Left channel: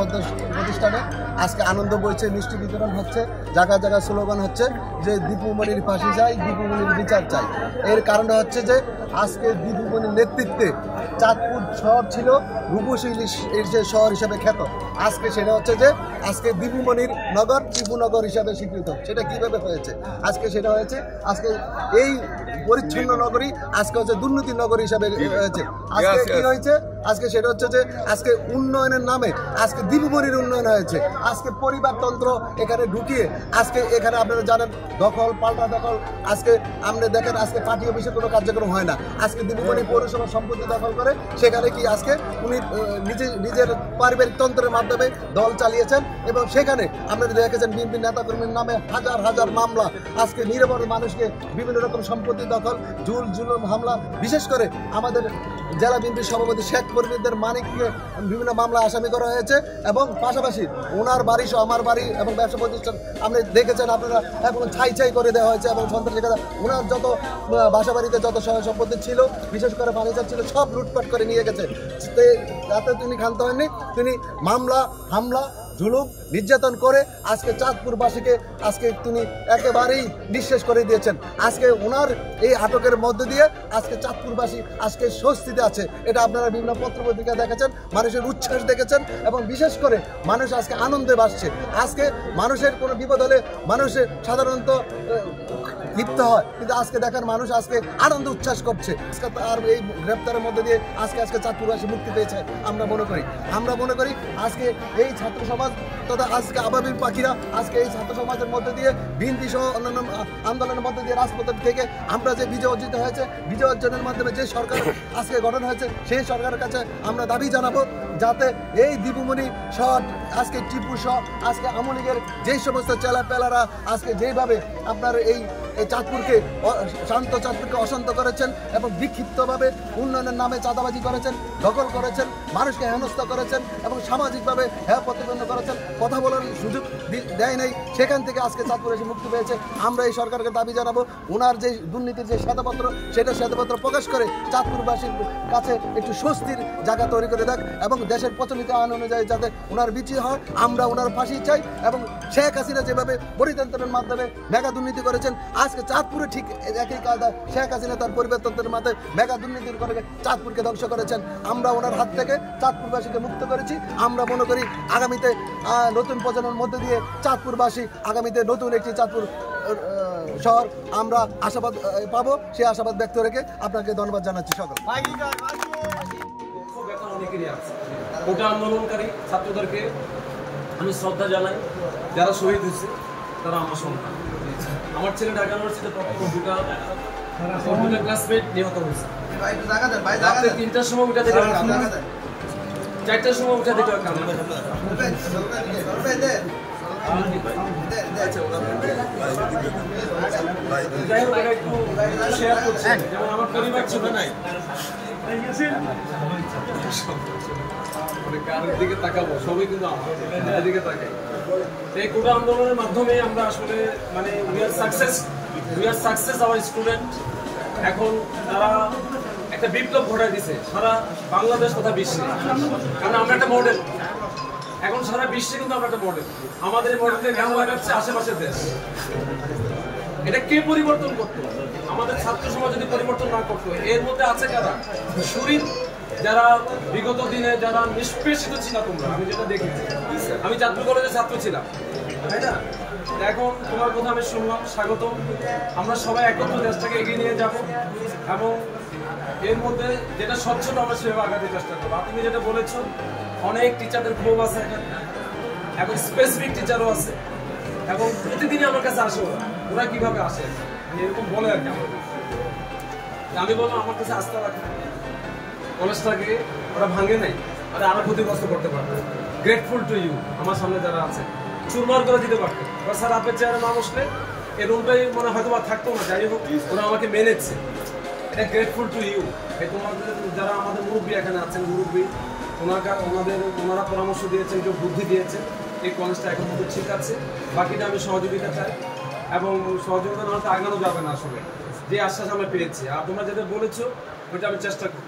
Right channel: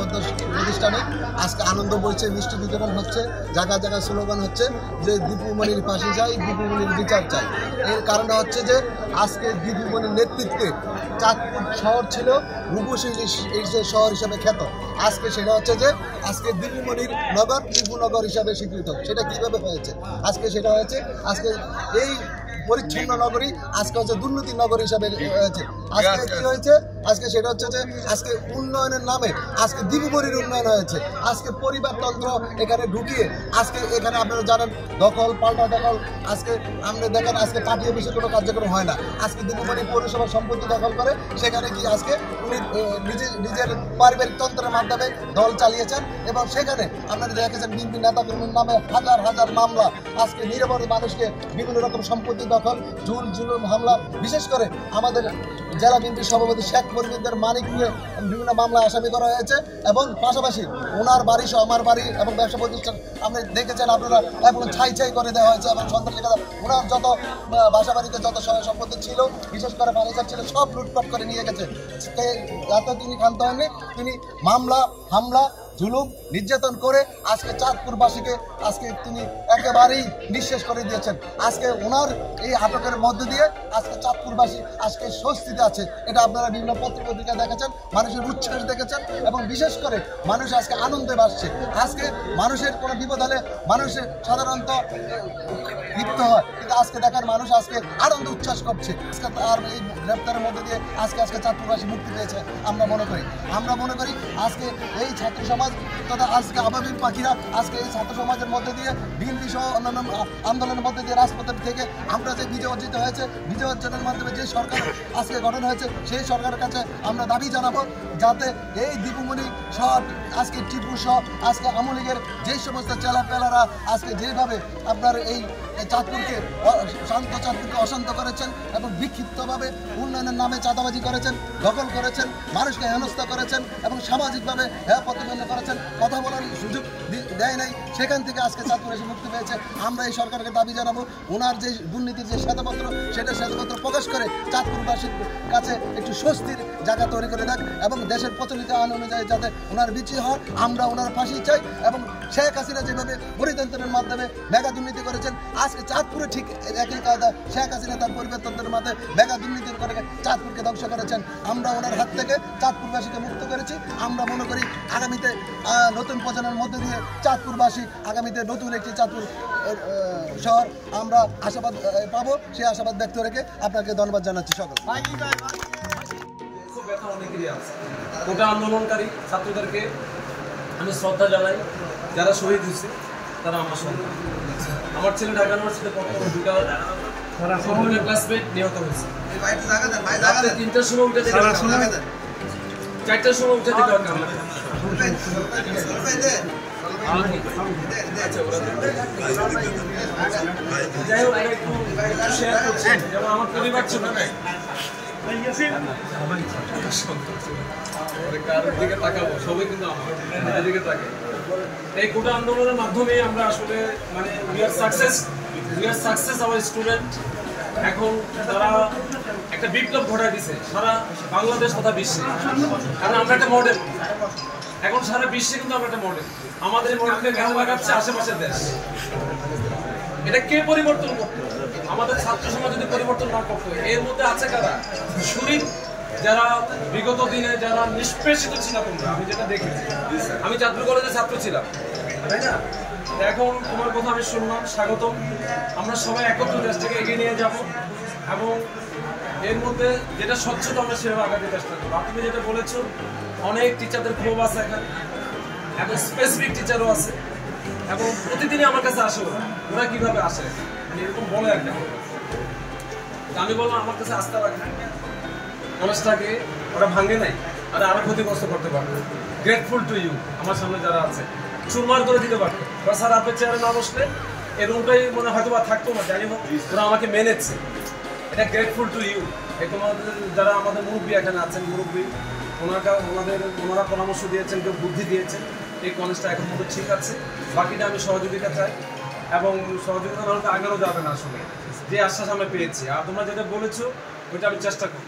প্রতিষ্ঠানে আজকে আনন্দ বইছে, মিষ্টি বিতরণ হচ্ছে, জায়গায় জায়গায় স্লোগান হচ্ছে যে দীপুমণির ফাঁসি চাই, দীপুমণির বিচার চাই। এর কারণটা হচ্ছে যে আজকে দীপুমণির নেতৃত্বে চাঁদপুর শহর ছিল রূপসী শহর হিসাবে খ্যাত। আজকে সেটা হচ্ছে যে আজকে দীপুমণির নগর দীপুনগর হিসাবে স্বীকৃত। সেটা কিভাবে হয়েছে? আজকে সেটা হয়েছে আজকে এই পরিচ্ছন্ন নগরী আজকে হচ্ছে দুর্নীতি নগরী হিসাবে হয়েছে। আজকে কি হয়েছে? আজকে সেটা হচ্ছে যে আজকে উন্নয়নের নামে আজকে দীপুমণির উন্নয়ন হয়েছে। আজকে পরিবারতন্ত্র এখানে ঢুকিয়ে আজকে এখানে আপনারা জানেন দখল পাল্টা দখল। আজকে আপনি দেখেন আজকে পার্টি অফিসে কোনো কার্যক্রম হয় না। আজকে দীপুমণি পৌরসভার সম্পত্তি দখল করে সেখানে কি আজকে উনি নিজের পারিবারিক তন্ত্রের মাধ্যমে দল চালিয়েছেন এবং সেখানে আপনারা দেখেছেন বিএনপি নেতাকর্মীর নামে হাজার হাজার মামলা। আজকে নিরপরাধ মানুষকে বিভিন্ন রকম সম্পত্তি দখল, জুলুম হামলা, বিশেষ করে আমাদের জেলা বিএনপি সভাপতি শেখ ফরিদের মানিককে বিভিন্ন মামলা আসামি করা হয়েছে এবং পাশাপাশি ওনার বাড়ি সহ আমার বাড়ি এবং ব্যবসা প্রতিষ্ঠান আপনি দেখেছেন আপনারা এখন ছাই করে দেওয়া হয়েছে এবং সন্ত্রাসী ওনার যত বাসা বাড়িতে যত সহায় সম্পত্তি ছিল, বিশেষ করে ফার্নিচার ছিল, সব লুটপাট করে নিয়ে গেছে। যাতে তিনি ক্ষান্ত হননি, তিনি মামলা হামলা জুলুম নির্যাতন করে আজকে চাঁদপুরবাসীকে আজকে তিনি একেবারেই নিঃশেষ করে দিয়েছেন। আজকে ওনার এই আটকের মধ্য দিয়ে আজকে চাঁদপুরবাসী আজকে স্বস্তিতে আছে। এটা আপনারা বিভিন্ন পত্রপত্রিকা দেখেছেন, মানুষের উচ্ছ্বাস দেখেছেন এবং বিশেষ করে মানুষ আজকে আনন্দে বাসছে। আজকে মানুষের কোনো বিপদ হলে মানুষের সাধারণত লিপ্ত হয়, কিন্তু আজকে দেখার মানুষ আজকে আনন্দ উচ্ছ্বাস করছে। আর এই গ্রেপ্তারের মধ্যে দিয়ে আজকে চাঁদপুরবাসী মুক্তি পেয়েছে। আমরা মনে করি আজকে এই ছাত্র সমাজ তথা আজকে আবাবিল পাখিরা আজকে এই ছাত্র সমাজের মধ্যে দিয়ে বিএনপি সহ অন্যান্য আন্দোলনের মধ্যে দিয়ে রাজপথের থেকে আমরা যে বিজয় অর্জিত হয়েছে, বিজয় অর্জনের মাধ্যমে যে সরকার আজকে গঠন হয়েছে, সেই সরকারের কাছে আমরা দাবি জানাবো যাতে এই দীপুমণি সহ আজকে টিপু সহ আজকে আওয়ামী লীগের যেই সমস্ত চেলাপেলারা আজকে যেভাবে আপনার এই চাঁদপুরকে চাঁদপুরকে অশান্ত করেছেন এবং বিক্ষিপ্তভাবে উন্নয়নের নামে চাঁদাবাজি করেছেন, দখল করেছেন, মানুষকে হেনস্থা করেছেন এবং সামাজিকভাবে প্রতিবন্ধ করেছেন, কথা বলার সুযোগ দেয় নাই, সেখান থেকে আজকে চাঁদপুর এসে মুক্তি পেয়েছে। আমরা এই সরকারকে দাবি জানাবো ওনার যে দুর্নীতির যে শ্বেতপত্র সেটা শ্বেতপত্র প্রকাশ করে চাঁদপুরবাসীর কাছে একটু স্বস্তির জায়গা তৈরি করে দেখ এবং দেশের প্রচলিত আইন অনুযায়ী যাতে ওনার বিচার হয়, আমরা ওনার ফাঁসি চাই। এবং শেখ হাসিনা যেভাবে পরিতন্ত্রের মাধ্যমে মেগা দুর্নীতি করেছেন, আজকে চাঁদপুরে ঠিক একই কায়দা শেখ হাসিনা তার পরিবর্তনের মাধ্যমে মেগা দুর্নীতির করে চাঁদপুরকে ধ্বংস করেছেন। আমরা ওনার হাত থেকে চাঁদপুরবাসীকে মুক্ত করেছি। আমরা মনে করি আগামীতে নতুন প্রজন্মের মধ্যে দিয়ে চাঁদপুরবাসী আগামীতে নতুন একটি চাঁদপুর শহর আমরা আশাবাদ পাবো। সেই আশাবাদ ব্যক্ত রেখে আপনাকে ধন্যবাদ জানাচ্ছি। সকল কোটা আন্দোলনকারী ছাত্রদেরকে আমি শ্রদ্ধা জানাই। যারা শহীদ হয়েছে তারা আমার সন্তান। আমার ছেলে ঢাকা ইউনিভার্সিটিতে দুটা ক্লাসমেট নিহত হয়েছে। রাত্রে 3টার সময় উঠে যেতে 4টার সময় উঠে যেতে যাই হোক একটু শেয়ার করছেন। যেমন আমার পরিবার ছিল কারোর দিকে তাকাবো, সবাই কিন্তু আমার দিকে তাকাই। এই কোটা আন্দোলনের মাধ্যমে আমরা আসলে মানে we are success hour student. এখন তারা একটা বিপ্লব ঘটায় দিছে সারা বাংলাদেশ তথা বিশ্বে। কারণ আমরা একটা মডেল, এখন সারা বিশ্বে কিন্তু আমরা একটা মডেল। আমাদের মডেলকে গান লাগাচ্ছে আশেপাশের দেশ। এটা কে পরিবর্তন করতো? আমাদের ছাত্র সমাজ যদি পরিবর্তন না করতো। এর মধ্যে আছে কারা? শরীর যারা বিগত দিনে যারা নিষ্পেষিত ছিল তোমরা, আমি যেটা দেখেছি, আমি চাঁদপুর কলেজে ছাত্র ছিলাম, তাই না? এখন তোমার কথা আমি শুনলাম, স্বাগতম। আমরা সবাই একত্র দেশটাকে এগিয়ে নিয়ে যাব এবং এর মধ্যে যেটা স্বচ্ছতা আমরা সেভাবে আগাতে চেষ্টা করবো। আর তুমি যেটা বলেছো, অনেক টিচারদের ক্ষোভ আছে এখানে, এখন স্পেসিফিক টিচারও আছে এবং প্রতিদিনই আমার কাছে আসে। ওরা কিভাবে আসে এরকম বলে আর কি। আমি বললাম আমার কাছে আস্থা রাখে, কলেজটাকে ওরা ভাঙে নাই আর আরো ক্ষতিগ্রস্ত করতে পারবে। Grateful to you. আমার সামনে যারা আছে চুরমার করে দিতে পারতো, বা স্যার আপনার চেয়ারে না বসলে এই রুমটাই মনে হয়তো বা থাকতো না। যাই হোক ওরা আমাকে মেনেছে, এটা গ্রেটফুল টু ইউ। এই তোমাদের যারা আমাদের মুরব্বী এখানে আছেন, মুরব্বী ওনারা পরামর্শ দিয়েছেন, কেউ বুদ্ধি দিয়েছেন। এই কলেজটা এখন কিন্তু ঠিক আছে। বাকিটা আমি সহযোগিতা চাই এবং সহযোগিতা না হলে আগানো যাবে না। আসলে যে আশ্বাস আমরা পেয়েছি আর তোমরা যেটা বলেছো ওইটা আমি চেষ্টা করব।